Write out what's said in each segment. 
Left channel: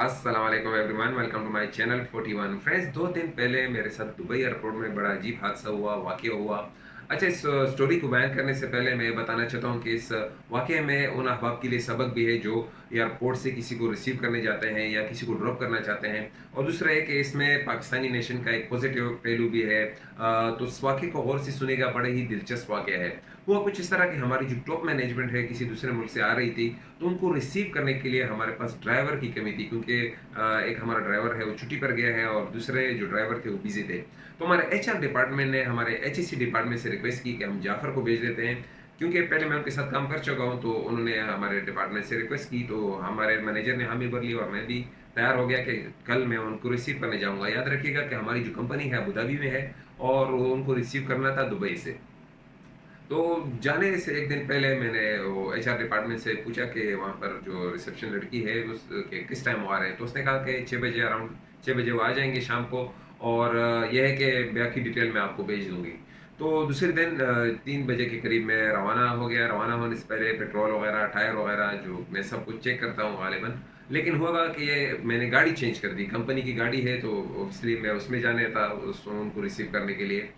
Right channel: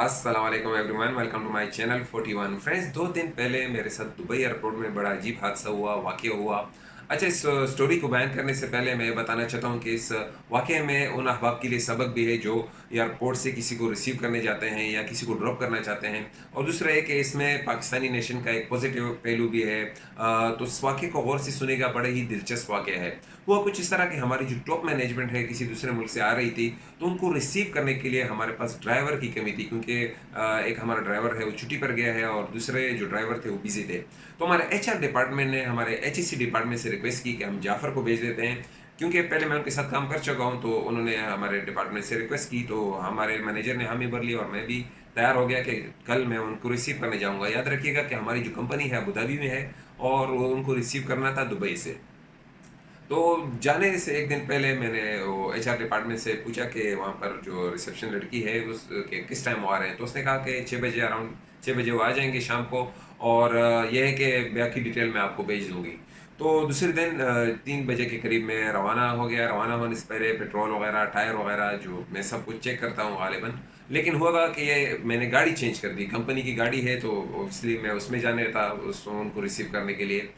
अस्सलाम वालेकुम everyone, welcome to my channel 41 friends. 2 दिन पहले मेरे साथ दुबई एयरपोर्ट में बड़ा अजीब हादसा हुआ, वाक़या हुआ। अच्छा, इस स्टोरी को बयान करने से पहले मैं ये बताना चाहता हूँ कि इस वाक़ये में उन अहबाब के लिए सबक भी है जो एयरपोर्ट से किसी को रिसीव करने जाते हैं या किसी को ड्रॉप करना चाहते हैं। और दूसरा है कि इसमें पाकिस्तानी नेशन का एक पॉजिटिव पहलू भी है। तो इस वाक़ये को गौर से सुनेगा, बड़ा ही दिलचस्प वाक़या है। हुआ कुछ इस तरह कि हमारी जो टॉप मैनेजमेंट है किसी दूसरे मुल्क से आ रही थी, तो उनको रिसीव करने के लिए हमारे पास ड्राइवर की कमी थी, क्योंकि एक हमारा ड्राइवर है वो छुट्टी पर गया है और दूसरे जो ड्राइवर थे वो बिजी थे। तो हमारे एचआर डिपार्टमेंट ने हमारे एचएससी डिपार्टमेंट से रिक्वेस्ट की कि हम जाफ़र को भेज देते हैं, क्योंकि पहले मैं उनके साथ काम कर चुका हूँ। तो उन्होंने हमारे डिपार्टमेंट से रिक्वेस्ट की, तो हमारे मैनेजर ने हामी भर ली और मैं भी तैयार हो गया कि कल मैं उनको रिसीव करने जाऊँगा। याद रखिएगा कि हमारी जो कंपनी है अबू धाबी में है और उनको रिसीव करना था दुबई से। तो जाने से एक दिन पहले मैंने वो एचआर डिपार्टमेंट से पूछा कि वहाँ पर जो रिसेप्शन लड़की है उस के किस टाइम वो आ रहे हैं। तो उसने कहा कि 6 बजे, अराउंड 6 बजे वो आ जाएंगे शाम को। और यह है कि बाकी डिटेल मैं आपको भेज दूँगी। तो दूसरे दिन 3 बजे के करीब मैं रवाना हो गया। रवाना होने से पहले पेट्रोल वगैरह, टायर वगैरह जो मैं सब कुछ चेक करता हूँ गालिबन। लेकिन हुआ कि ये मैंने गाड़ी चेंज कर दी, कंपनी की गाड़ी है तो ऑब्वियसली मैं उसमें जाने था उनको रिसीव करने के लिए।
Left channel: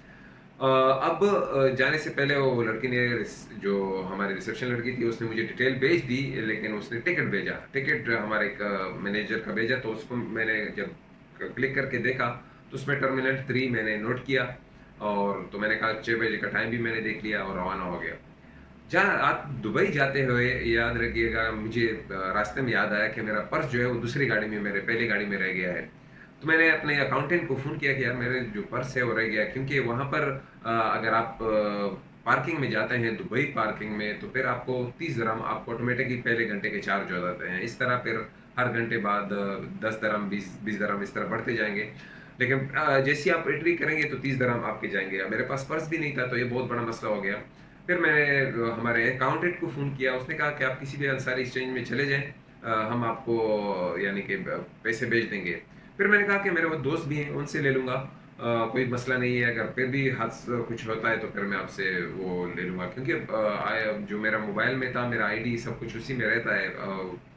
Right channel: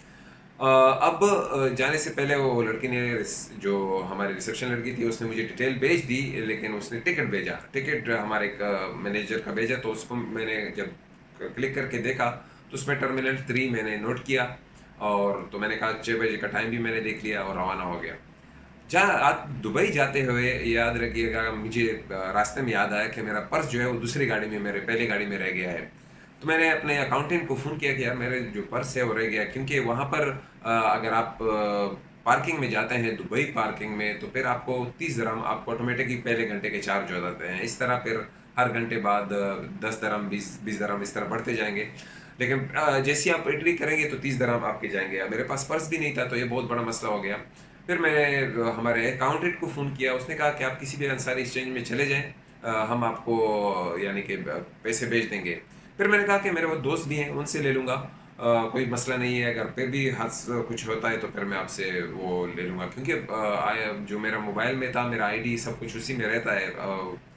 अब जाने से पहले वो लड़की ने जो हमारी रिसेप्शन लड़की थी उसने मुझे डिटेल भेज दी, लेकिन उसने टिकट भेजा। टिकट हमारे एक मैनेजर का भेजा, तो उसको मैंने जब क्लिक करके देखा तो उसमें टर्मिनल 3 मैंने नोट किया। और तो मैंने कहा 6 बजे का टाइम भी मैंने देख लिया और रवाना हो गया। जहाँ आप दुबई जाते हुए याद रखिएगा, मुझे रास्ते में याद आया कि मेरा पर्स जो है वो दूसरी गाड़ी में, मेरे पहली गाड़ी में रह गया है। तो मैंने अपने अकाउंटेंट को फ़ोन किया कि यार मेरे जो पर्स है वो रह गया, क्योंकि वहाँ पर अगर आप पार्किंग में जाते हैं दुबई पार्किंग में, तो फिर आपको 30 दिरहम आपको ऑटोमेटिकली पहले घंटे के चार्ज हो जाते हैं। इस तरह फिर हर घंटे बाद 10 दिरहम, 20 दिरहम इस तरह बढ़ते जाएंगे। लेकिन जैसे ही आप एंट्री करेंगे तो 30 दिरहम आपके जाएंगे। अब मेरे पास पर्स भी नहीं था, तो ये बहुत बड़ा मसला हो गया। फिर मैंने हमारे अकाउंटेंट को फ़ोन किया। उसने कहा कि आप किसी भी अंसारी एक्सचेंज में चले जाएँ, हम आपको यानी कि पैसे भेज देंगे। फिर मैंने कहा कि मेरे वो दोस्त भी हैं, उनसे ले लूँगा। कोई मसला नहीं है, अगर फिर भी कुछ होता है तो फिर मैं आपसे वो ले लूँगा, क्योंकि जो मेरा मोबाइल में था, मेरा आईडी सब कुछ उसी में रहता है,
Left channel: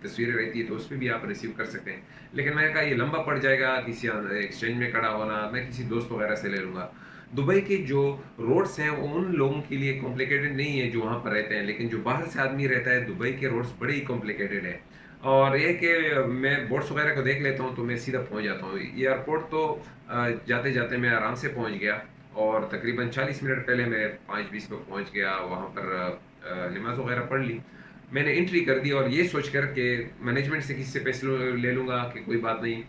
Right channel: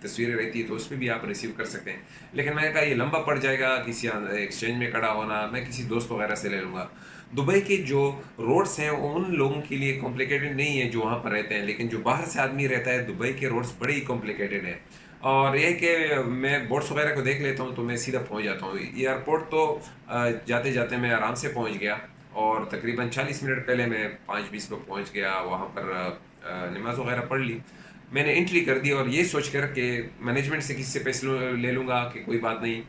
तस्वीरें रहती है, तो उस पे भी आप रिसीव कर सकते हैं। लेकिन मैंने कहा ये लंबा पड़ जाएगा, किसी एक्सचेंज में खड़ा होना, मैं किसी दोस्त वगैरह से ले लूँगा। दुबई के जो रोड्स हैं वो उन लोगों के लिए कॉम्प्लिकेटेड नहीं है जो वहाँ पर रहते हैं, लेकिन जो बाहर से आदमी रहता है, दुबई के रोड्स बड़े ही कॉम्प्लिकेटेड है। और ये कि मैं बोर्ड्स वगैरह को देख लेता हूँ तो मैं सीधा पहुँच जाता हूँ एयरपोर्ट। तो जाते जाते मैं आराम से पहुँच गया और तकरीबन 40 मिनट पहले मैं 5:20 पे पहुँच गया वहाँ पर। नमाज़ वगैरह पढ़ ली, मैंने एंट्री कर दी और ये सोच कर कि मैनेजमेंट से किसी से पैसे ले लूँगा कि कोई बात नहीं,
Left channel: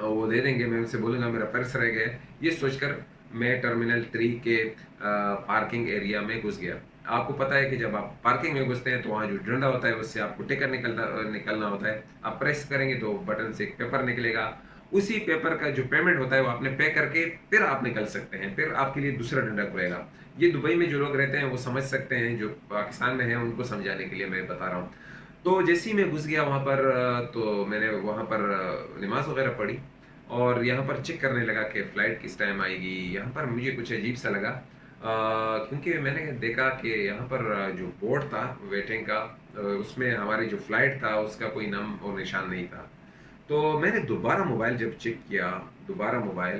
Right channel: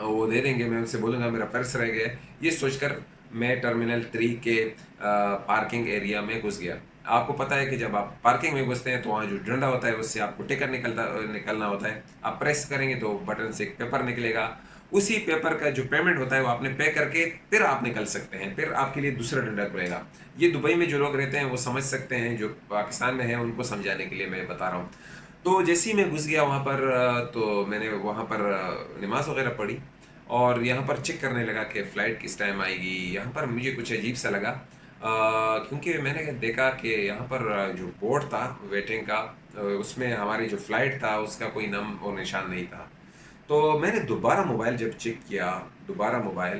वो दे देंगे, मैं उनसे बोलूँगा मेरा पर्स रह गया है। ये सोचकर मैं टर्मिनल 3 के पार्किंग एरिया में घुस गया। आपको पता है कि जब आप पार्किंग में घुसते हैं तो वहाँ जो डंडा होता है उससे आपको टिकट निकलना होता है। आप प्रेस करेंगे तो बटन से एक पेपर निकलेगा। उसी पेपर का जो पेमेंट होता है वो आपने पे करके फिर आप निकल सकते हैं। फिर आपके लिए दूसरा डंडा खुलेगा। ये दुबई में जो लोग रहते हैं वो समझ सकते हैं, जो पाकिस्तान में हैं उनको समझाने के लिए मैं बता रहा हूँ। तो जैसे ही मैं घुस गया वहाँ पर, तो मैंने वहाँ पर नमाज़ वगैरह पढ़ी और यहाँ पर चेक करने लगा कि फ़्लाइट किस टाइम आएगी। यहाँ पर मुझे कुछ अजीब सा लगा, क्योंकि मैंने देखा कि यहाँ पर जो बोर्ड था वेटिंग का, उसमें हमारी जो फ़्लाइट था उसका कोई नाम और निशान नहीं था। तो मैंने दोबारा मोबाइल जब चेक किया, दोबारा मोबाइल,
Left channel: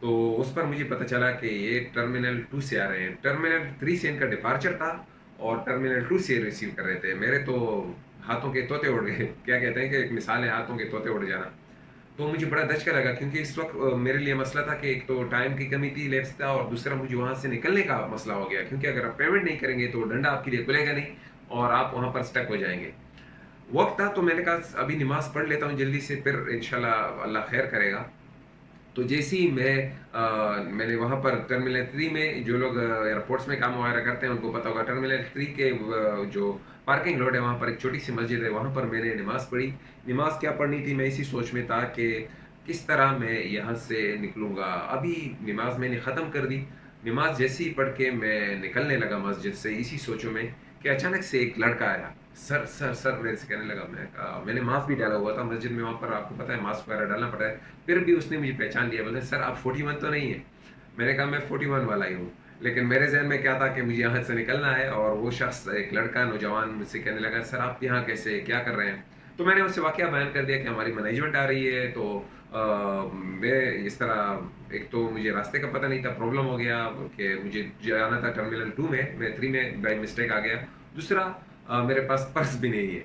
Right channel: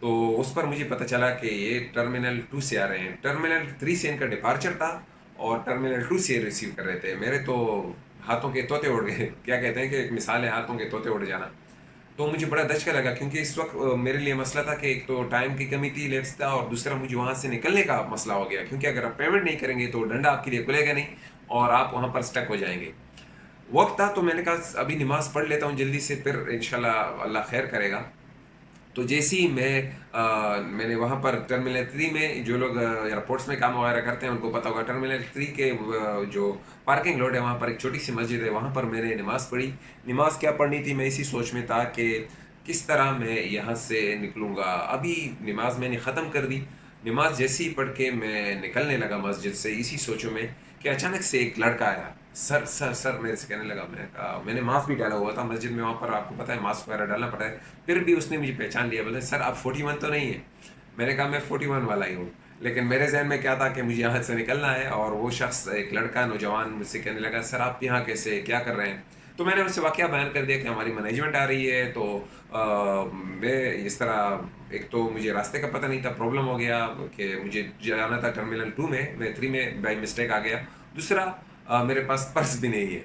तो उस पर मुझे पता चला कि ये टर्मिनल 2 से आ रहे हैं। टर्मिनल 3 से इनका डिपार्चर था और टर्मिनल 2 से रिसीव कर रहे थे। मेरे तो हाथों के तोते उड़ गए। क्या कहते हैं कि एक मिसाल है हाथों के तोते उड़ जाना। तो मुझे बड़ा दचका लगा, क्योंकि इस वक़्त मेरे लिए मसला था कि एक तो टाइम की कमी थी, लैप्स था, और दूसरा मुझे वहाँ से निकलने का मसला हो गया, क्योंकि अगर आप पेमेंट नहीं करेंगे तो डंडा आपके लिए खुलेगा नहीं और आप वहाँ पर स्टक हो जाएँगे। वक़्त था तो मैंने कहा अभी नमाज़ पढ़ लेता हूँ जल्दी से, फिर इंशाल्लाह अल्लाह खैर करेगा। तो जैसे ही मैंने वहाँ पर टर्मिनल 3 में, जो लोग एयरपोर्ट्स में काम वगैरह करते हैं उनको पता होगा, टर्मिनल 3 के जो पार्किंग लॉट है वहाँ पर एक छोटी सी मस्जिद है, वहाँ पर मैंने नमाज़ पढ़ी। नमाज़ क्या पढ़नी थी, मैं इसी सोच में था कि किस तरह मैं यहाँ से निकलूँगा। अभी नमाज़ मैंने ख़त्म कर दी। नमाज़ जैसे ही पढ़ के मैं निकलने लगा मस्जिद से, इसी सोचों में कि अचानक से एक लड़का आया। सर सर सर मेरे से कहने लगा। मैं कहा, मैंने मास्क भी डाला हुआ था मस्जिद में, वहाँ पर आपको पता है मास्क वगैरह डालना पड़ता है। फिर भी उसने मुझे पहचान लिया, बोले सर आप 41 तो नहीं है। मैंने कहा मैं 41 वाला ही हूँ। लेकिन मेरे जहन में क्या था कि मुझे यहाँ से निकलना है। और वो शख्स, एक लड़का नौजवान, मुझसे कहने लगा सर आप यहाँ कैसे, क्या कर रहे हैं। تو میں نے اسے واقعہ بیان کر دیا کہ ہماری مینجمنٹ آ رہی ہے، تو میں اس طرح، ایک تو مجھے راستے کا پتہ نہیں تھا، پرابلم ہو گیا کہ مجھے جانا تھا ٹرمینل 2 میں 3 میں بائی مسٹیک آ گیا۔ دوسرا، میرے پاس پرس بھی نہیں ہے،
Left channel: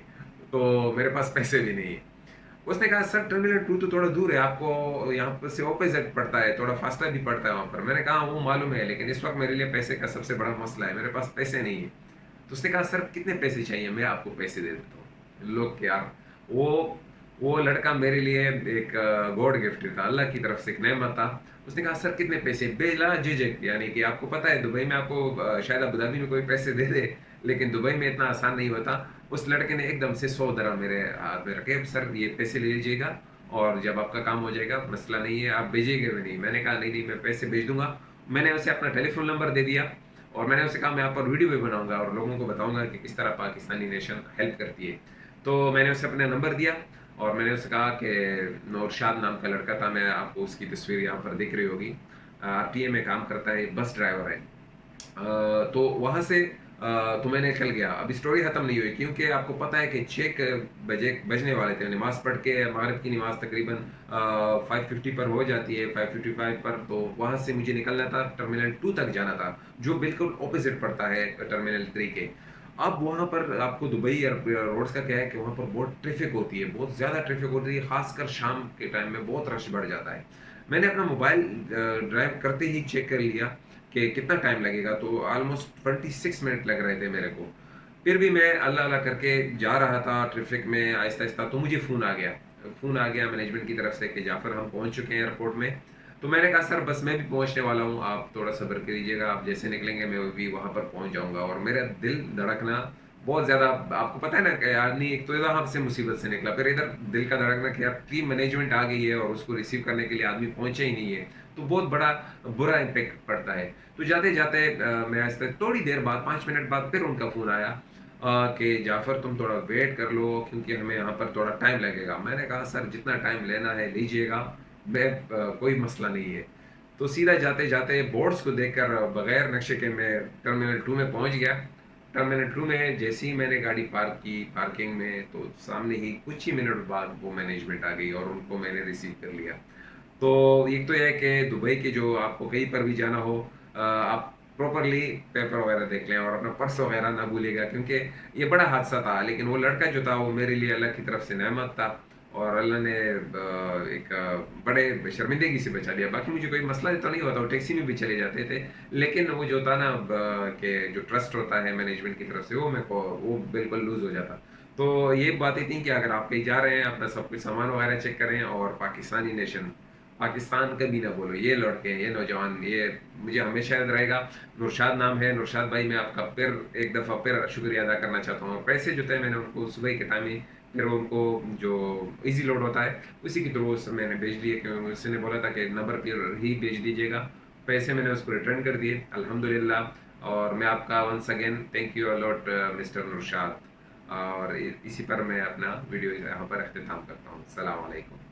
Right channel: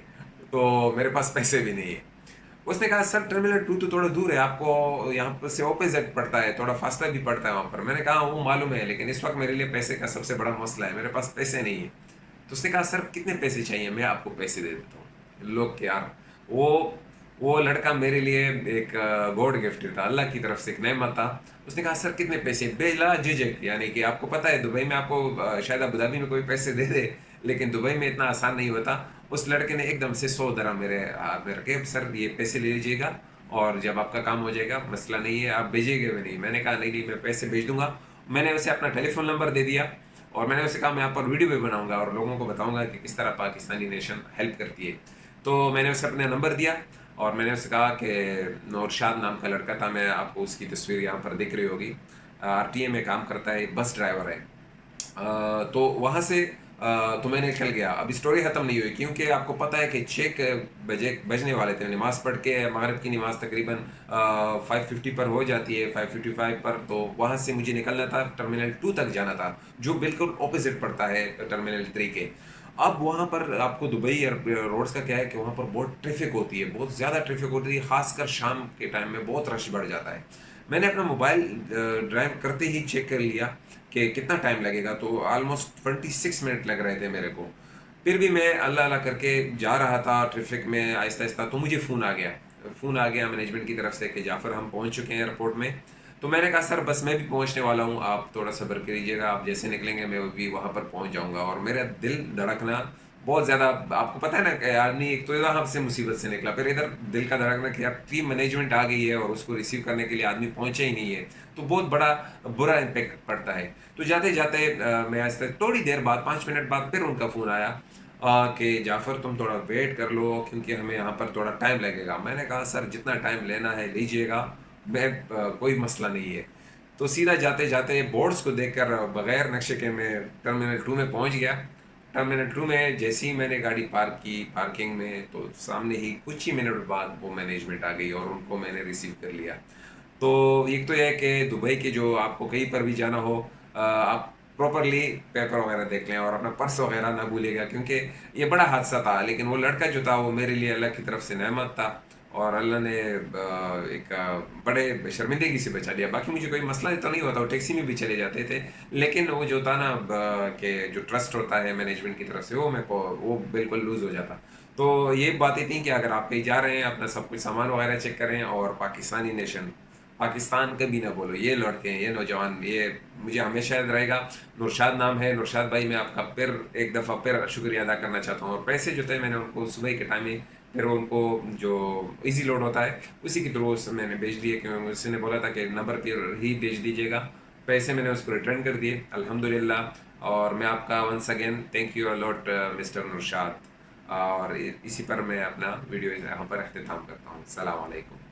تو میرے پاس پیسے بھی نہیں ہیں۔ اس نے کہا سر ٹرمینل 2 تو تھوڑا دور ہے، آپ کو یہاں پر سے اپوزٹ پڑتا ہے، تھوڑا فاصلہ بھی پڑتا ہے وہاں پر۔ میں نے کہا وہ معلوم ہے، لیکن اس وقت میرے لیے پیسے کا سب سے بڑا مسئلہ ہے، میرے پاس پیسے نہیں ہیں۔ تو اس نے کہا سر کتنے پیسے چاہیے، میں آپ کو پیسے دے دیتا ہوں۔ لوگ کہ یار، وہ وہ لڑکا میرے لیے ایک گاڈ گفٹ تھا، اللہ کی طرف سے ایک نعمت تھا۔ اس نے کہا سر کتنے پیسے، بلا جھجک، یعنی کہ آپ کو پتہ ہے دبئی میں آپ کو شاید ابوظہبی میں کوئی پیسے دے دے، لیکن دبئی میں اتنا آسان نہیں ہوتا۔ اس لڑکے نے ایک دم سے 100 درہم میرے ہاتھ میں رکھے، سر یہ پیسے لے لیجیے گا، اور جب آپ کا کام ہو جائے گا مسئلہ نہیں ہے، آپ بھیجیے گا بھی نہیں۔ میں نے کہا نہیں نہیں، میں پیسے بھیج دوں گا۔ میں نے اسے اپنا ٹیلی فون نمبر دے دیا، اور میں نے اسے کہا میں آپ پر ویڈیو بھی بناؤں گا اور لوگوں کو بتاؤں گا کہ کس طرح پاکستانی نیشن ہیلپ کرتی ہے۔ تو میں نے اسے اپنا نمبر دیا، اور میں نے اسے کہا کہ نورشاد نام کا لڑکا تھا، میں آپ کو اس کی تصویر یہاں پر دکھ رہی ہوگی، RTA میں کام کرتا ہے، بس ڈرائیور ہے۔ تو وہاں سے تو میں نکل گیا۔ اب اسٹوری ختم نہیں ہوئی، کیونکہ آپ کو پتہ ہے کہ 6 بجنے والے تھے، نماز پڑھ کے مغرب کی نماز تقریباً 5:50 پر ہو جاتی ہے، 5:55 پر، تو وہاں سے مجھے نکلنا تھا، ٹرمینل 2 تک جانا تھا، جو بالکل اپوزٹ پڑتا ہے ٹرمینل 3 کے۔ اب وہاں پر آپ کو دبئی روڈز کا کیا ہے کہ وہاں پر بہت ٹریفک ہوتی ہے، بہت زیادہ ٹریفک ہوتی ہے، خاص کر شام کے ٹائم میں بہت رش بڑھ جاتا ہے۔ میں نے اپنا موبائل ڈرائیو کرتے ہی چیک کر لیا کہ کتنا ٹائم لگے گا، تو آلموسٹ 26 منٹ لگ رہے تھے میرے کو۔ پھر بھی میں اللہ اللہ کر کے جا رہا تھا ٹریفک میں آہستہ آہستہ، تو مجھے فون آ گیا مینجمنٹ کی طرف سے کہ جعفر ہم پہنچ چکے ہیں ایئرپورٹ میں۔ تو میں نے کہا سر بس میں بھی پہنچنے والا ہوں، آپ تھوڑا صبر کریجیے گا، آپ جیسے نکلیں گے میں بھی وہاں پر پہنچ جاؤں گا۔ اور میرا دل دھڑکنا بہت زیادہ، آپ کو پتہ ہے نا کہ آدمی ایک تو یہاں سے مصیبت سے نکلا، پھر ادھر دل کا دھڑکنا کہ یار ٹیم مینجمنٹ آ گئی ہے اور اس کو ریسیو کرنے کے لیے آدمی پہنچا ہی نہیں ہے، تو بہت بڑا برا امپیکٹ پڑتا ہے۔ تو جاتے جاتے میں آہستہ تھوڑی دیر بعد 5 منٹ بعد پھر ان کا فون آیا کہ جعفر تم تھوڑا ویٹ کر لو کیونکہ ہمیں یہاں پر تھوڑا ٹائم لگے گا۔ میں نے کہا سر جتنا ٹائم لینا ہے لیجئے گا، میں کوئی مسئلہ نہیں ہے۔ تو سیدھا جاتے جاتے بورڈز کو دیکھ کر بغیر نقشے کے میں ٹرمینل 2 میں پہنچ گیا۔ ٹرمینل 2 میں جیسے ہی میں نے گاڑی پارک کی پارکنگ میں، تو سامنے ہی کچھ ہی منٹ بعد وہ مینجمنٹ آ گئی اور ان کو میں نے ریسیو کر لیا۔ تو ایک تو یہ ہے کہ دبئی کے جو آپ کو کہیں پر بھی جانا ہو، آپ پراپرلی پیپر وغیرہ دیکھ لیں اور اپنا پرس وغیرہ نہ بھولے گا، کیونکہ یہ بڑا حادثہ تھا، لیکن وہ لڑکا جو تھا وہ میرے لیے اللہ کی طرف سے نعمت تھا، اور اللہ نے ایک بڑے شرمندگی سے بچا لیا۔ باقی مجھے کوئی مسئلہ تو نہیں ہوتا، وہ ٹیکسی میں بھی چلے جاتے تھے، لیکن وہ جو تھا نا کہ جو ٹرسٹ ہوتا ہے مینجمنٹ کی طرف سے، وہ بالکل لوز ہو جاتا۔ تو یہ باتیں تھیں کہ اگر آپ کہیں جا رہے ہیں اپنا سب کچھ سامان وغیرہ چیک کریں، اور پاکستانی نیشن، پاکستان کبھی نہ بولو، یہ لڑکے ہیں، یہ نوجوان، یہ مجھے ہمیشہ یاد رہے گا۔ نورشاد نام ہے، نورشاد بھائی میں آپ کا پھر ایک دفعہ پھر شکریہ ادا کرنا چاہتا ہوں۔ اور پیسے جو تھے میں نے ان کو صبح کے ٹائم ہی پھر ان کو جو ایزی لوڈ ہوتا ہے اسی کے تھرو میں نے بھیج دیے، کیونکہ اس نے بولا تھا کہ نمبر پہ ہی بھیج دیجیے گا۔ پیسے میں نے اس کو ریٹرن کر دیے الحمدللہ۔ اور میں آپ کا once again thank you a lot mister Nurshad, اور اسی پر میں اپنا ویڈیو یہاں پر اختتام کرتا ہوں۔ السلام علیکم۔